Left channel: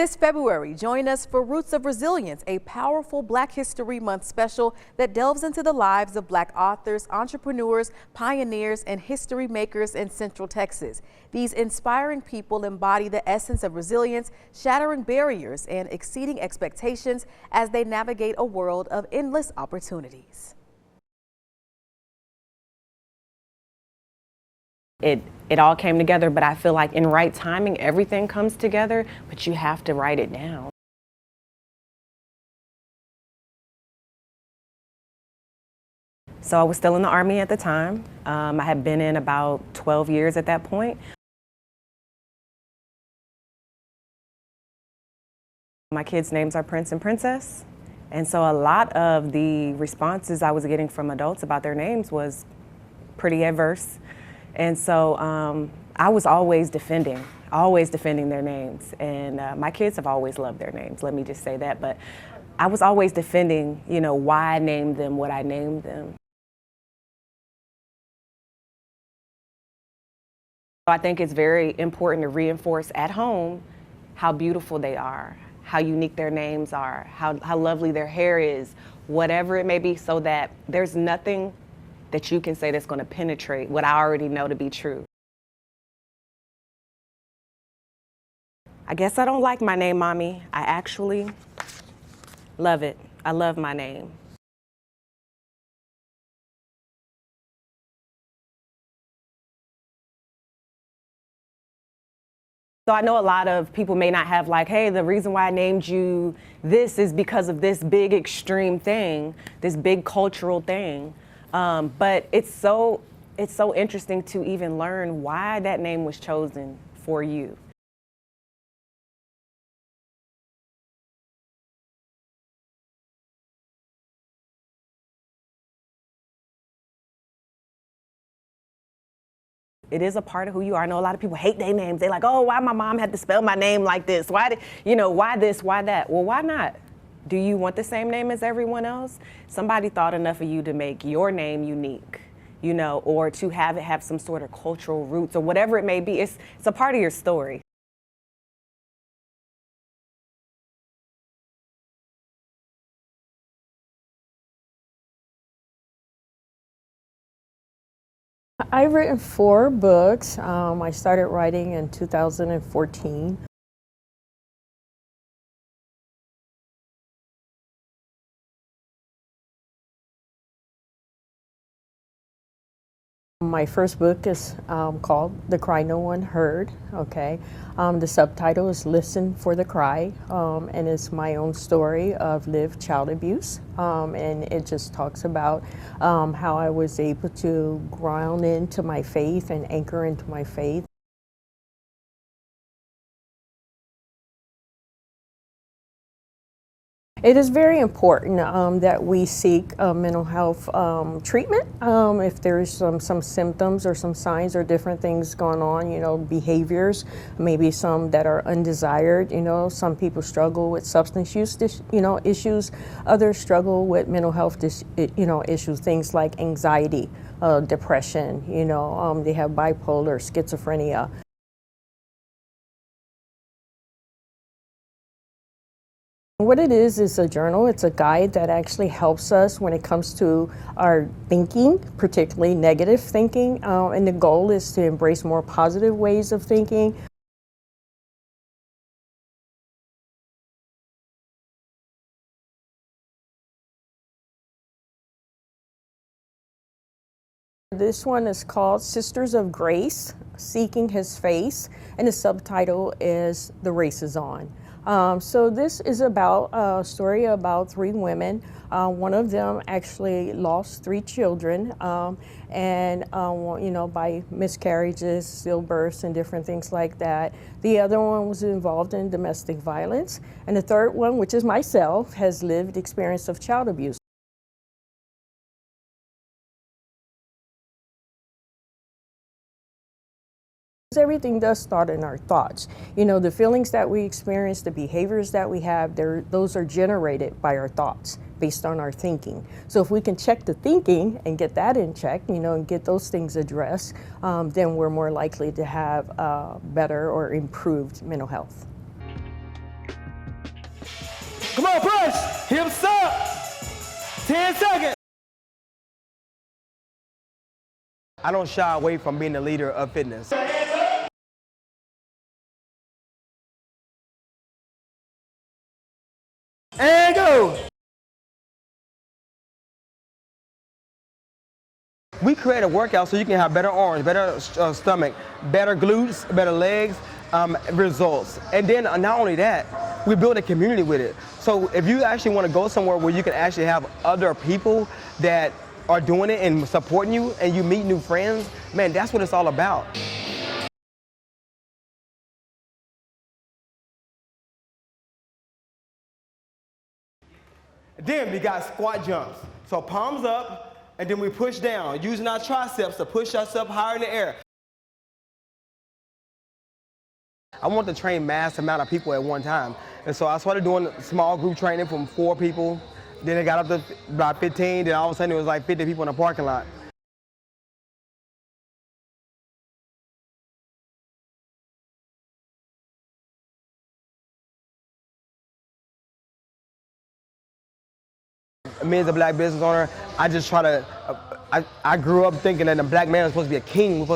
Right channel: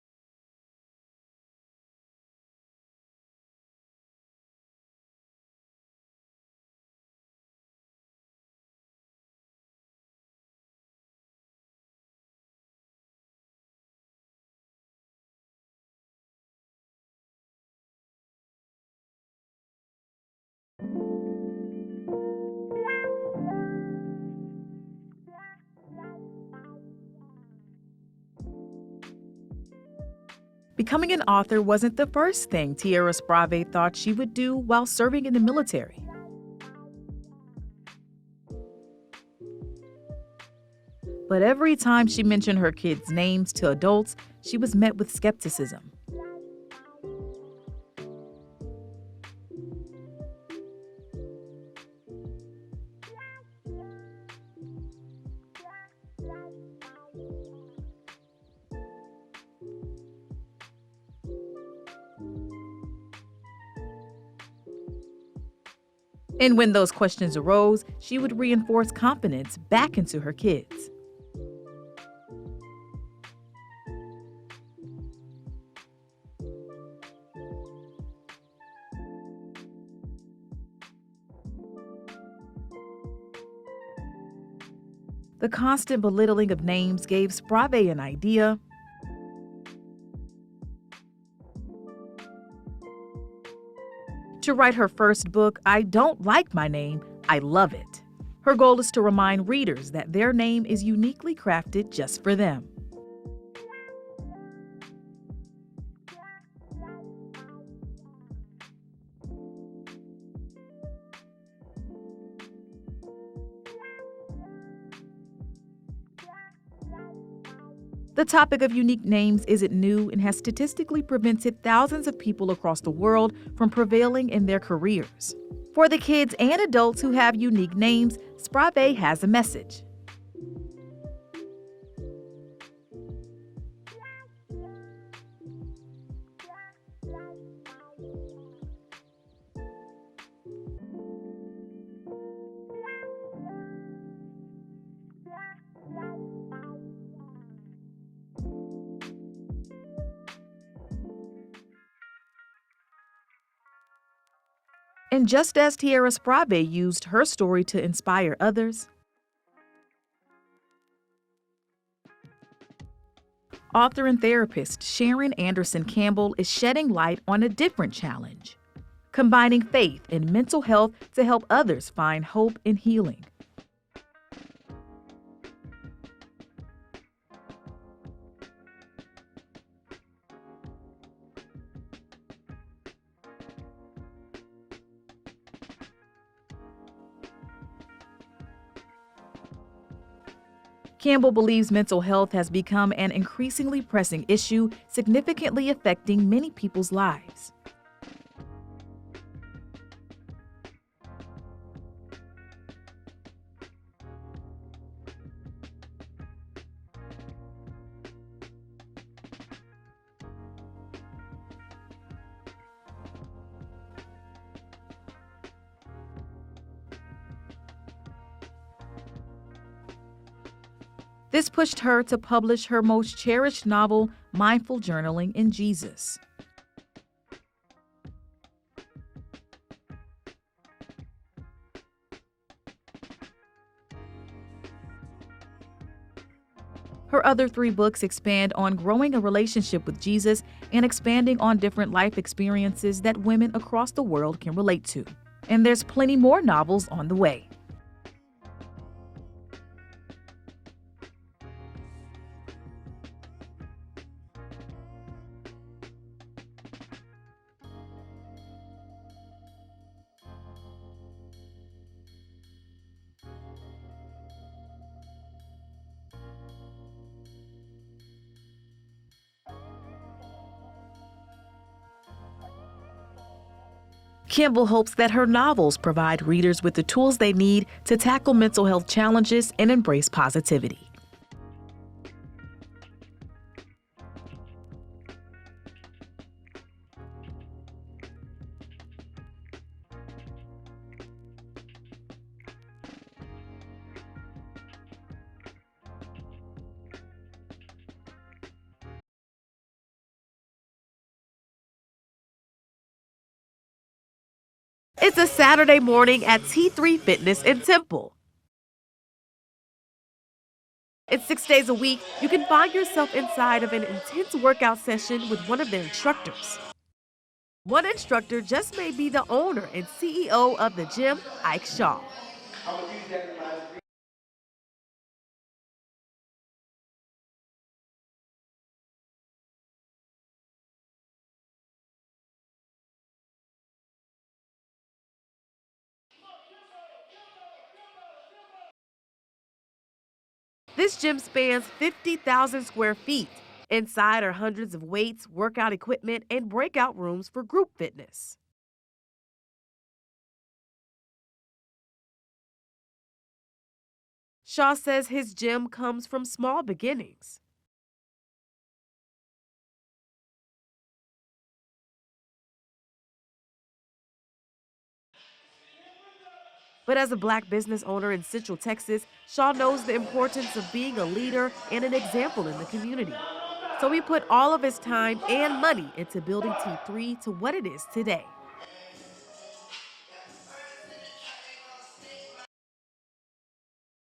This February, join us for Roots of Resilience, a powerful Black History Month special that delves into the lives of Black authors, entrepreneurs, pioneers, and history makers in Central Texas. These inspiring people embody the essence of resilience, shattering barriers and exceeding expectations as they navigate a world of endless opportunities. It all came together, but I feel like in right timing, everything comes together, but you have to write it down. Becoming an author wasn't the first thing Tierra Sprave thought she would do while serving in the military. So I was still in the Army at the time. I had been in about 12 years at that point. But every time she mentioned her kids' names to adults, she was met with skepticism. My kids' names are Prince and Princess, and so a lot of the responses I was getting from adults about their names was pretty adverse. And so I was always defending their names. And my kids have always loved their names, let me just say that. But I was always defending, why I named them what I named them. And when those questions arose, she would reinforce confidence back into her kids. So I think it's very important to reinforce at home how beautiful they are, how unique their names are, how lovely their hair is, whatever it may be, so that there's nothing that you can say that's going to penetrate what I already know to be true. The constant belittling of names gave Sprave an idea. I guess I don't like my name, Mommy. I actually love it. I love my name. To write her first book, I Don't Like My Name, I Love It. Her goal is to remind readers that their name is uniquely crafted just for them. So I know a lot of people may not have like, hey, the reason why I named you this is because of this big extreme thing, this big cultural thing. But it's so interesting to even learn why that name was chosen for you. The topic of unique names isn't new and has statistically prevented thousands of people across the world from prevailing in their careers. For the kids and adults who have unique names, Sprave has a message. It is a part of who you are. I know a lot of people hate their names. They're like, oh, why my mom had to spell my name like this? Why this, why that? Well, why not? Do you want the same name as everyone else? Somebody thought enough of you to make your name unique, or to have it have some sort of cultural roots or whatever it may be. It's a part of your story. And just as Tierra Sprave used her story to inspire others, I've written 4 books. I started writing in 2014. Author and therapist Sharon Anderson Campbell is shedding light on a different challenge, combining faith and mental health to help others find hope and healing. My first book is called The Cry No One Heard, okay? The subtitle is Listen for the Cry, and it's my own story of lived child abuse. And it just talks about how I was able to ground into my faith and anchor into my faith. Campbell believes mental health has become an increasingly pressing issue, significantly affecting many people's lives. It is very important that we seek mental health treatment if there's some symptoms or some signs or different things going on, behaviors, maybe some that are undesired. Some people struggle with substance use, issues. Others struggle with mental health, issues, things like anxiety, depression. They have bipolar, schizophrenia. This pushed her to publish her most cherished novel, Mindful Journaling in Jesus. What it is a journal. It's a guide that actually helps us when it comes to our thinking, particularly negative thinking, and the goal is to embrace more positive ways of thinking. Her other 3 books expand on growing a relationship with Jesus and expanding on different life experiences that women across the world can relate to. And there's plenty more novels on the way. This one is called Sisters of Grace, Seeking His Face, and the subtitle is The Race is On. So this is about a story about 3 women. One of them actually lost 3 children, and by miscarriages, stillbirths, and different things like that. The other one was involved in domestic violence, and the third one, which is myself, has lived experience of child abuse. Campbell hopes that her novels provide readers with the tools they need to tackle mental health challenges and embrace positivity. Everything does start in our thoughts. The feelings that we experience, the behaviors that we have, those are generated by our thoughts based on our thinking. So if we can check the thinking and get that in check, and get those things addressed, then we're more likely to have better or improved mental health. Come on, push. Hips up. 10 seconds. It's a Saturday morning at T3 Fitness in Temple. I don't shy away from being the leader of fitness. It's 6 days a week. You can find yourself inside of an intense workout session with one of their instructors. And go. One instructor just may be the owner and CEO of the gym, Ike Shaw. We create a workout so you can have better arms, better stomach, better glutes, better legs, results. And then not only that, we build a community with it. So if you actually want to go somewhere where you can actually have other people that are doing it and supporting you and you meet new friends, man, that's what it's all about. This gym spans 50,000 square feet. Inside are hundreds of weights, workout equipment, and breakout rooms for group fitness. Then we got squat jumps. So palms up, and then we push down, using our triceps to push ourselves higher in the air. Shaw says his gym comes from small beginnings. I want to train mass amount of people at one time. And so I started doing small group training from 4 people. Then it got up to about 15, then all of a sudden it was like 50 people in the parking lot. But as a black business owner in Central Texas, Shaw knows the importance of being a leader and an example in the community. So he put all of his time and money into building T3 to what it is today. Me as a black business owner, I just try to, I grew up thinking that a black man was supposed to be a king. We're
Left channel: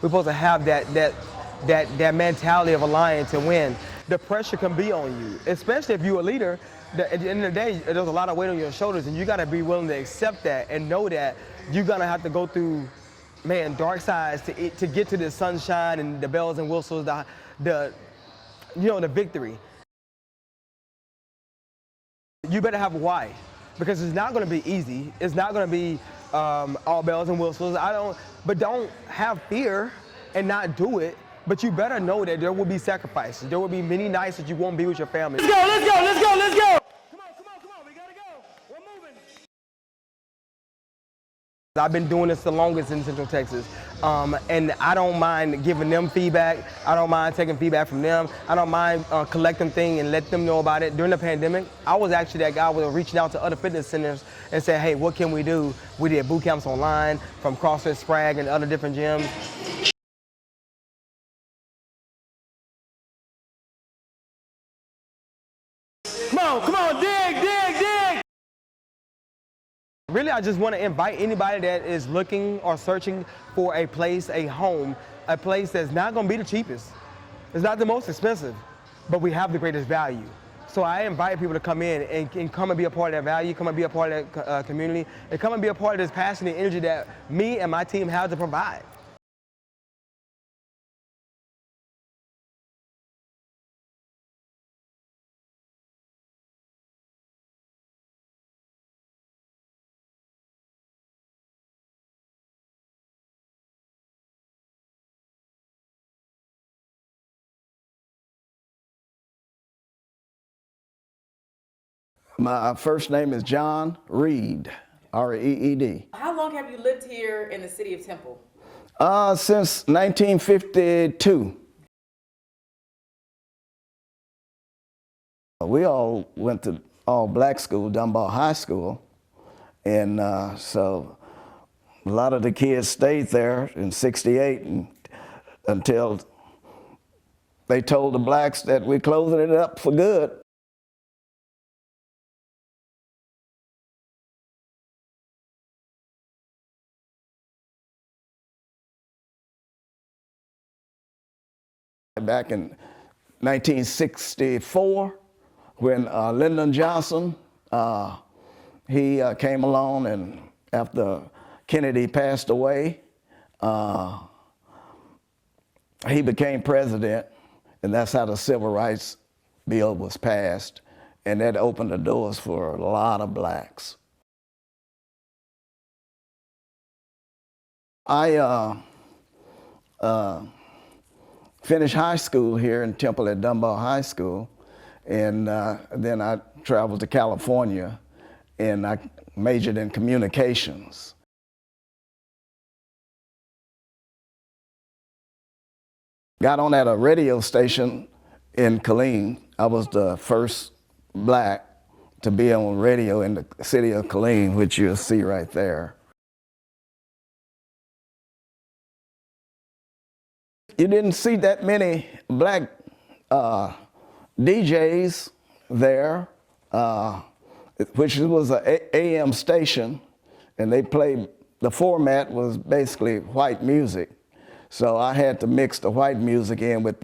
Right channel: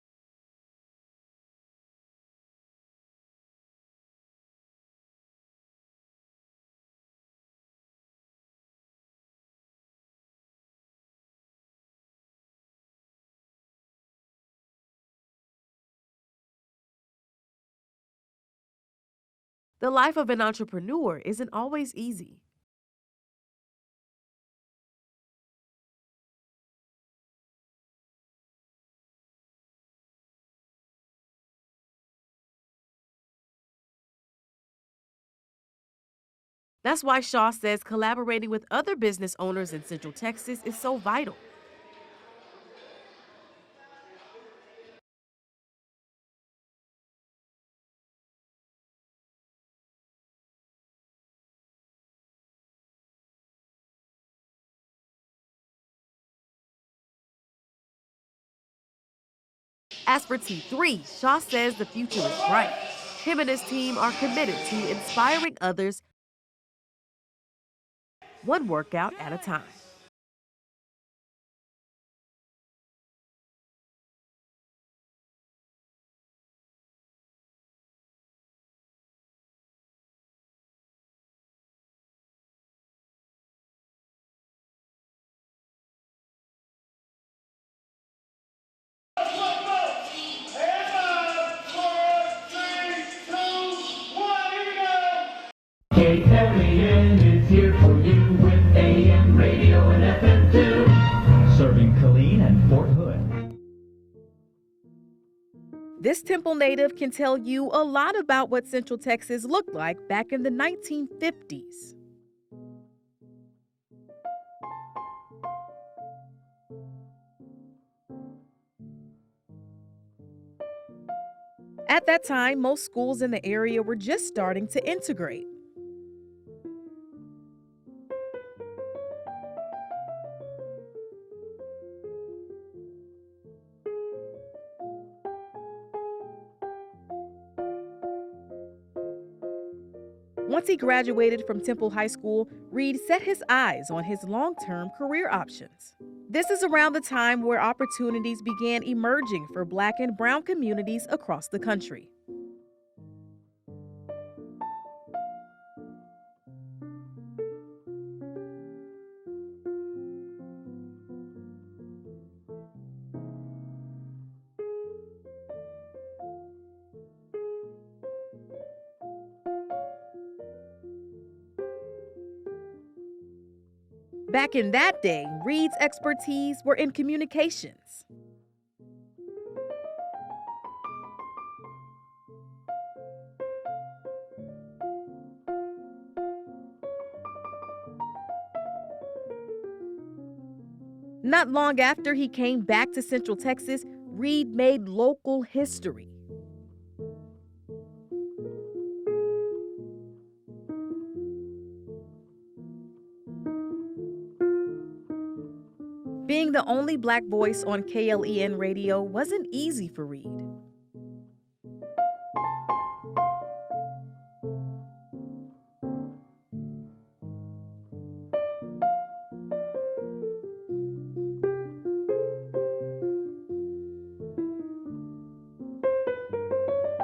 supposed to have that mentality of a lion to win. The pressure can be on you, especially if you're a leader. At the end of the day, there's a lot of weight on your shoulders, and you got to be willing to accept that and know that you're gonna have to go through, man, dark sides to get to the sunshine and the bells and whistles, the victory. The life of an entrepreneur isn't always easy. You better have a why, because it's not gonna be easy. It's not gonna be all bells and whistles. But don't have fear and not do it. But you better know that there will be sacrifices. There will be many nights that you won't be with your family. Let's go, let's go, let's go, let's go! That's why Shaw says collaborating with other business owners in Central Texas is so vital. I've been doing this the longest in Central Texas, and I don't mind giving them feedback. I don't mind taking feedback from them. I don't mind collecting things and let them know about it. During the pandemic, I was actually that guy with reaching out to other fitness centers and saying, hey, what can we do? We did boot camps online from CrossFit Sprag and other different gyms. As for T3, Shaw says the future is bright. Him and his team are committed to inspiring others. Come on, dig, dig, dig! One workout at a time. Really, I just want to invite anybody that is looking or searching for a place, a home, a place that's not going to be the cheapest. It's not the most expensive, but we have the greatest value. So I invite people to come in and come and be a part of that value, come and be a part of that community, and come and be a part of this passion and energy that me and my team have to provide. KLEN is here for you with AM radio and FM too, serving Killeen and Fort Hood. This Temple native can tell you a lot about what Central Texas looked like back in the 1950s. My first name is John Reed, R-E-E-D. How long have you lived here in the city of Temple? Since 1952. At that time, most schools in the area were just starting to integrate. We all went to all black school, Dunbar High School, and so a lot of the kids stayed there in '68 until they told the blacks that we're closing it up for good. Once he graduated from Temple High School, Reed set his eyes on his long-term career options. This is around the time where opportunities began emerging for black and brown communities across the country. Back in 1964, when Lyndon Johnson, he came along, and after Kennedy passed away, he became president, and that's how the Civil Rights Bill was passed, and that opened the doors for a lot of blacks. Back in that day, Reed's expertise were in communications. I finished high school here in Temple at Dunbar High School, and then I traveled to California, and I majored in communications. Not long after he came back to Central Texas, Reed made local history. Got on at a radio station in Killeen. I was the first black to be on radio in the city of Killeen, which you'll see right there. Being the only black voice on KLEN radio wasn't easy for Reed. You didn't see that many black DJs there which was an AM station, and they played, the format was basically white music. So I had to mix the white music in with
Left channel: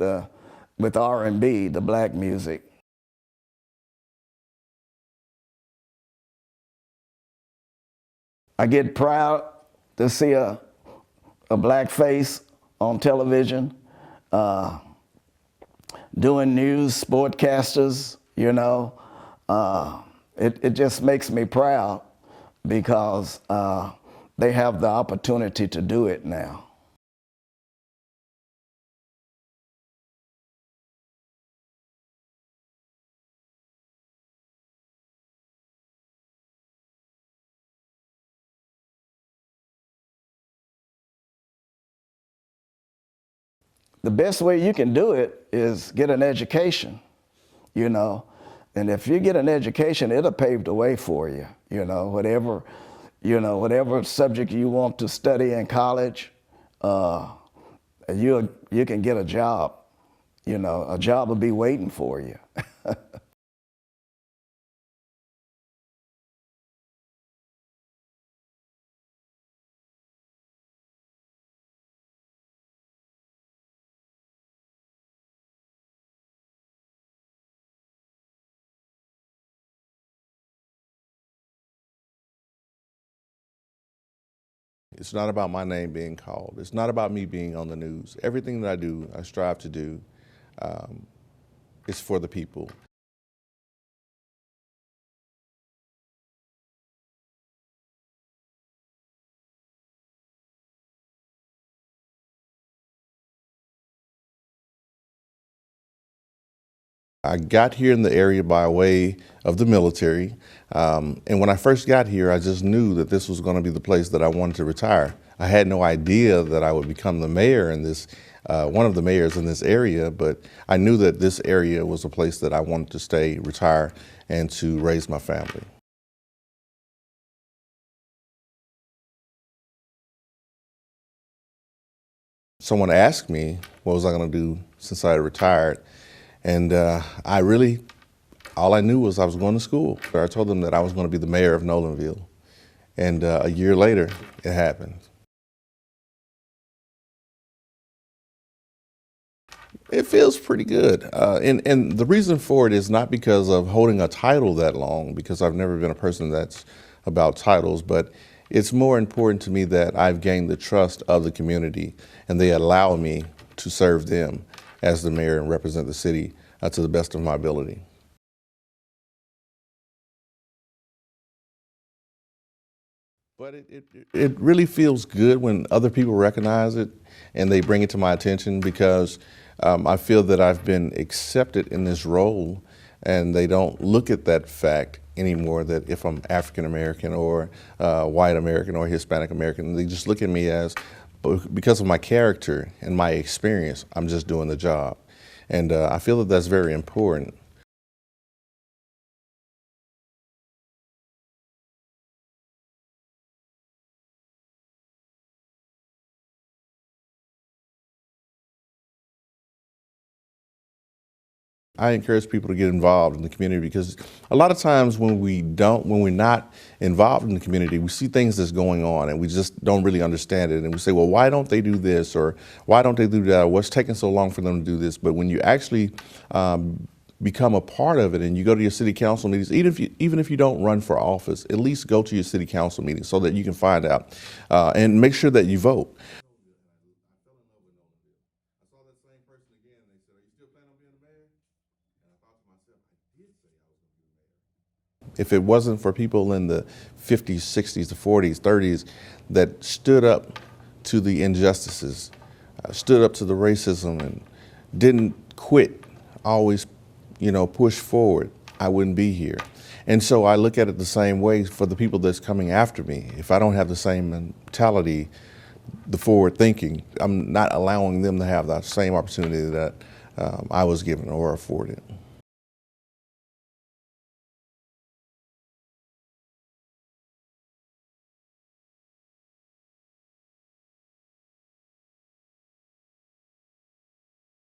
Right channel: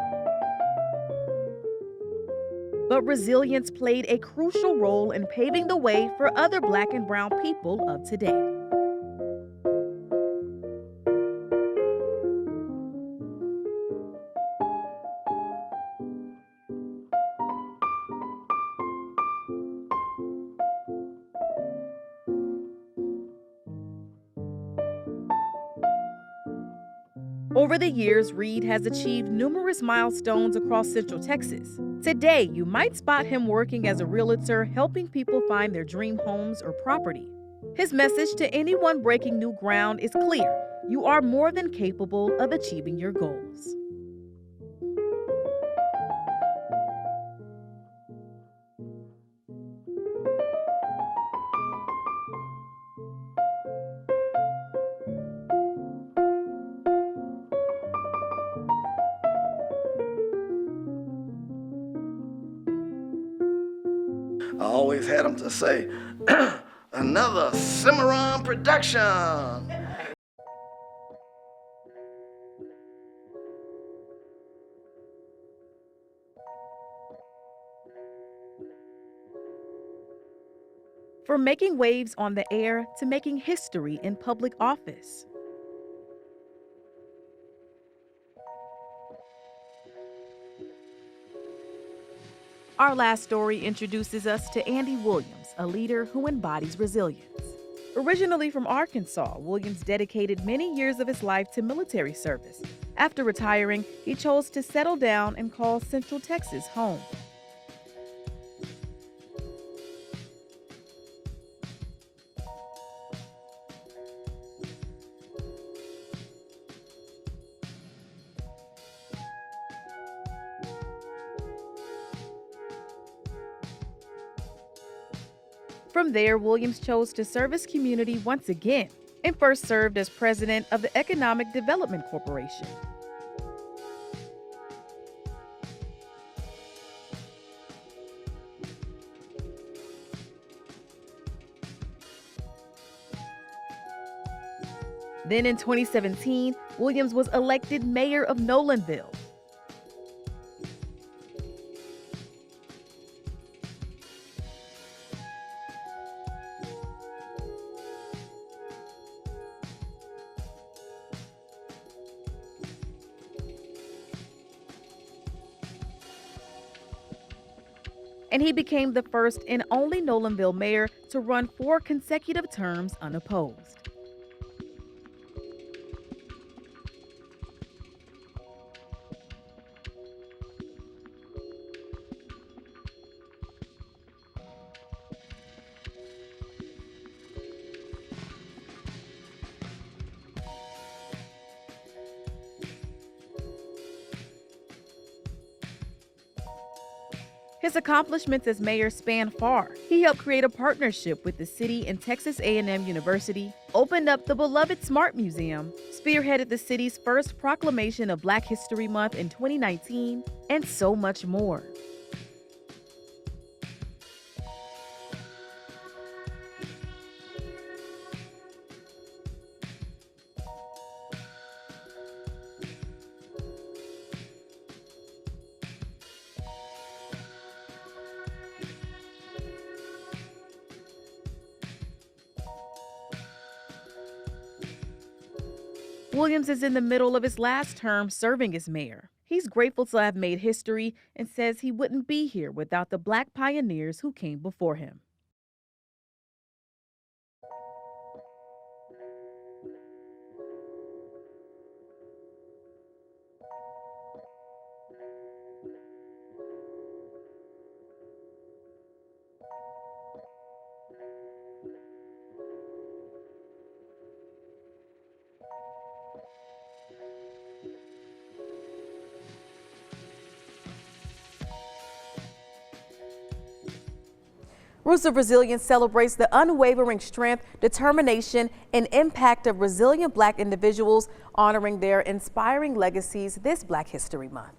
R&B, the black music. But resilience played a crucial role in paving the way for other black and brown people of today. I get proud to see a black face on television, doing news, sportcasters, you know. It just makes me proud because they have the opportunity to do it now. Over the years, Reed has achieved numerous milestones across Central Texas. Today, you might spot him working as a realtor, helping people find their dream homes or property. His message to anyone breaking new ground is clear. You are more than capable of achieving your goals. The best way you can do it is get an education, you know. And if you get an education, it'll pave the way for you, whatever subject you want to study in college, you can get a job. A job will be waiting for you. I always had them to say, another Cimarron production. From making waves on the air to making history in public office. It's not about my name being called. It's not about me being on the news. Everything that I do, I strive to do, is for the people. Our last story introduces us to Andy Williams, a leader who embodies resilience. Originally from Arkansas, Williams dedicated many years of his life to military service. After retiring, he chose to settle down and call Central Texas home. I got here in the area by way of the military. And when I first got here, I just knew that this was going to be the place that I wanted to retire. I had no idea that I would become the mayor in this, one of the mayors in this area, but I knew that this area was a place that I wanted to stay, retire, and to raise my family. From there, Williams chose to serve his community once again and first served as president of the Economic Development Corporation. Someone asked me what was I going to do since I had retired, and all I knew was I was going to school. I told them that I was going to be the mayor of Nolanville, and a year later, it happened. Then in 2017, Williams was elected mayor of Nolanville. It feels pretty good, and the reason for it is not because of holding a title that long, because I've never been a person that's about titles, but it's more important to me that I've gained the trust of the community, and they allow me to serve them as the mayor and represent the city to the best of my ability. And he became the first and only Nolanville mayor to run 4 consecutive terms unopposed. It really feels good when other people recognize it and they bring it to my attention, because I feel that I've been accepted in this role, and they don't look at that fact anymore, that if I'm African American or white American or Hispanic American, they just look at me as, because of my character and my experience, I'm just doing the job. And I feel that that's very important. His accomplishments as mayor span far. He helped create a partnership with the city and Texas A&M University, opened up the beloved Smart Museum, spearheaded the city's first proclamation of Black History Month in 2019, and so much more. I encourage people to get involved in the community, because a lot of times when we're not involved in the community, we see things that's going on and we just don't really understand it. And we say, well, why don't they do this? Or why don't they do that? Or what's taking so long for them to do this? But when you actually become a part of it and you go to your city council meetings, even if you don't run for office, at least go to your city council meetings so that you can find out and make sure that you vote. Williams is in the middle of his last term serving as mayor. He's grateful to have made history and says he wouldn't be here without the Black pioneers who came before him. If it wasn't for people in the 50s, 60s, the 40s, 30s that stood up to the injustices, stood up to the racism and didn't quit, always push forward, I wouldn't be here. And so I look at it the same way for the people that's coming after me. If I don't have the same mentality, the forward thinking, I'm not allowing them to have that same opportunity that I was given or afforded. Roots of Resilience celebrates the unwavering strength, determination, and impact of resilient Black individuals, honoring their inspiring legacies this Black History Month.